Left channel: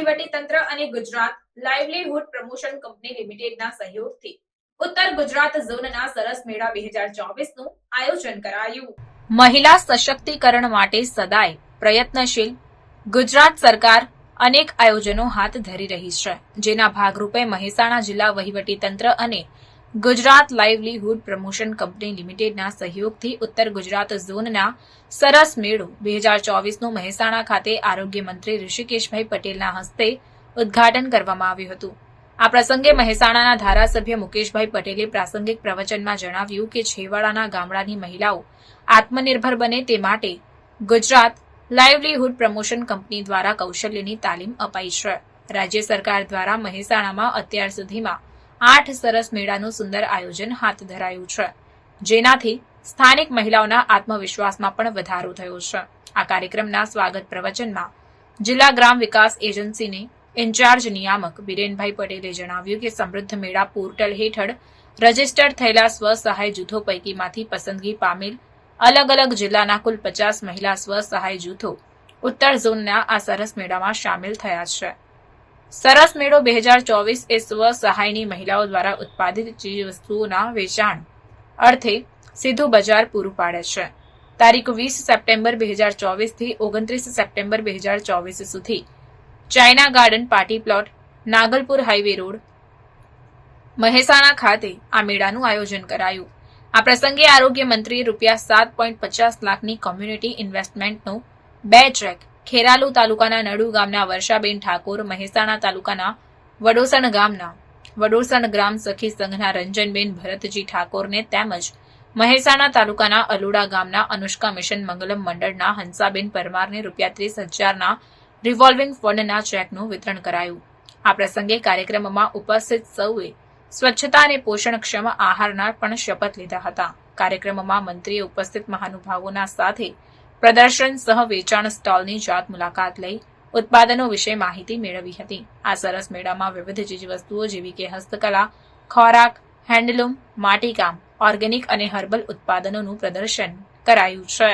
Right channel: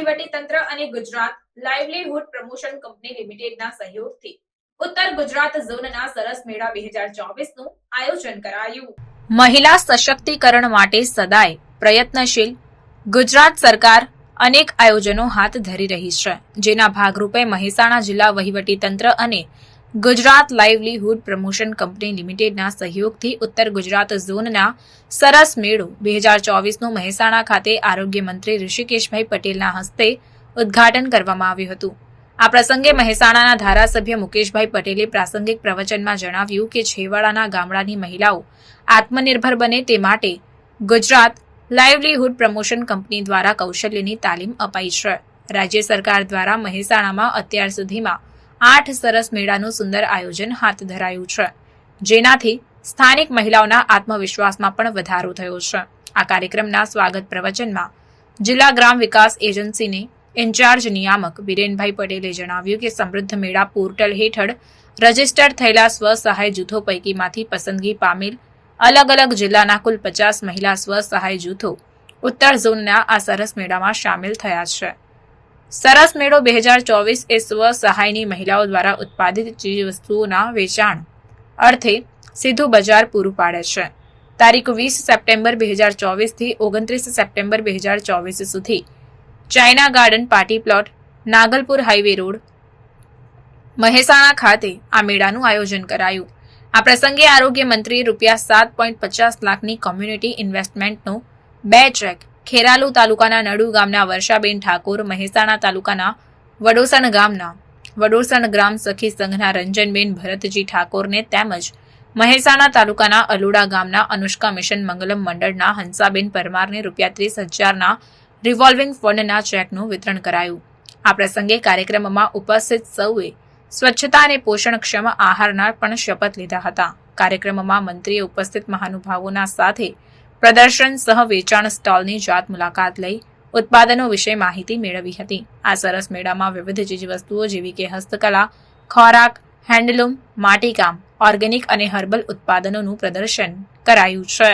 વહીવટી અને Gujarat livelihood promotion company લિમિટેડના સહયોગથી ઉત્તર ગુજરાત ઝોનના સરસ મેળા બે હજાર ચોવીસનું આયોજન કરાયું. મહિલા સશક્તિકરણ માટે સદાય પ્રયત્નશીલ ગુજરાત સરકાર અનેક આયોજનો હાથ ધરી રહી છે. જેના ભાગરૂપે મહેસાણા જિલ્લા વહીવટી તંત્ર અને ગુજરાત લાઇવલીહુડ પ્રમોશન કંપની લિમિટેડના સહયોગથી ઉત્તર ગુજરાત ઝોનના સરસ મેળો બે હજાર ચોવીસનું મહેસાણા ખાતે આરોગ્ય મંત્રી ઋષિકેશભાઈ પટેલના હસ્તે ઉદ્ઘાટન કરવામાં આવ્યું હતું. આ પ્રસંગે મહેસાણાના ધારાસભ્ય મુકેશભાઈ પટેલે પ્રાસંગિક પ્રવચનમાં જણાવ્યું કે છેવાડાના ગામડાની મહિલાઓ આત્મનિર્ભર બને તે માટે ગુજરાત લાઇવલીહુડ પ્રમોશન કંપની દ્વારા કૌશલ્યની તાલીમ અપાઈ છે. રાજ્ય સરકાર દ્વારા મહેસાણામાં અત્યાર સુધીમાં આઠ સરસ મેળાનું સુંદર આયોજન હાથ ધરાયું છે. જેનાથી સ્થાનિક મહિલાઓના આત્મવિશ્વાસમાં પણ વધારો થયો છે. આ કાર્યક્રમના સ્વાગત પ્રવચનમાં જિલ્લા ગ્રામ વિકાસ એજન્સીની ઇન્ચાર્જ નિયામક બિરેનભાઈ પટેલે જણાવ્યું કે સમૃદ્ધ મેળા પોર્ટલ હેઠળ રજિસ્ટર થયેલા સ્વ સહાય જૂથો પૈકીમાંથી પસંદગી પામેલ અલગ અલગ જિલ્લાના કુલ પચાસ મહિલા સ્વ સહાય જૂથો ઉત્તર ઝોનના આ સરસ મેળામાં સામેલ થયા છે. સરસ મેળો બે હજાર ચોવીસ એ સ્વ સહાયની મહિલાઓ દ્વારા ઉત્પાદિત ચીજવસ્તુઓના વેચાણ અર્થે સીધું બજાર પૂરું પાડે છે. તારીખ વીસ સપ્ટેમ્બર બે હજાર ચોવીસથી ઓગણત્રીસ સપ્ટેમ્બર બે હજાર ચોવીસ સુધી China garden party plot, Nagalpur highway road, Mehsana ખાતે આ મેળાનું આયોજન કરાયું. આ પ્રસંગે આરોગ્ય મંત્રીએ રૂપિયા સાત પોઈન્ટ પચાસ લાખની કોમ્યુનિટી ઇન્વેસ્ટમેન્ટનો બે ચેક ખેરાલુ તાલુકાના નડુ ગામના વર્ષાબેન ઠાકોર મહેસાણા તાલુકાના વડોસણ ગામના વડોસણ ગ્રામ સખી સંઘના રંજનબેન ભરતજી ઠાકોરને તેમજ મહેસાણા તાલુકાના અલુડા ગામના અનુષ્કા મિશન મંગલમ મંડળના હંસાબેન પરમારને રૂપિયા ત્રીસ હજારના રિવોલ્વિંગ ફંડના ચેકનું વિતરણ કરાયું. આ પ્રસંગે કાર્યક્રમમાં ઉપસ્થિત સૌએ સ્વચ્છતા અને પોષણક્ષમ આહારના પણ શપથ લીધા હતા. કાર્યક્રમમાં મંત્રીએ ઉપસ્થિત મહાનુભાવોના સાથે પ્રદર્શન સહ વેચાણ સ્ટોલની જાત મુલાકાત લઈ ઉત્પાદનો વિશે માહિતી મેળવી હતી. આ સરસ મેળામાં વિવિધ ચીજવસ્તુઓ જેવી કે હસ્તકલા, ખોરાક, હેન્ડલૂમ, માટીકામ, ઓર્ગેનિક અને હર્બલ ઉત્પાદનોનું પ્રદર્શન કરાયું છે.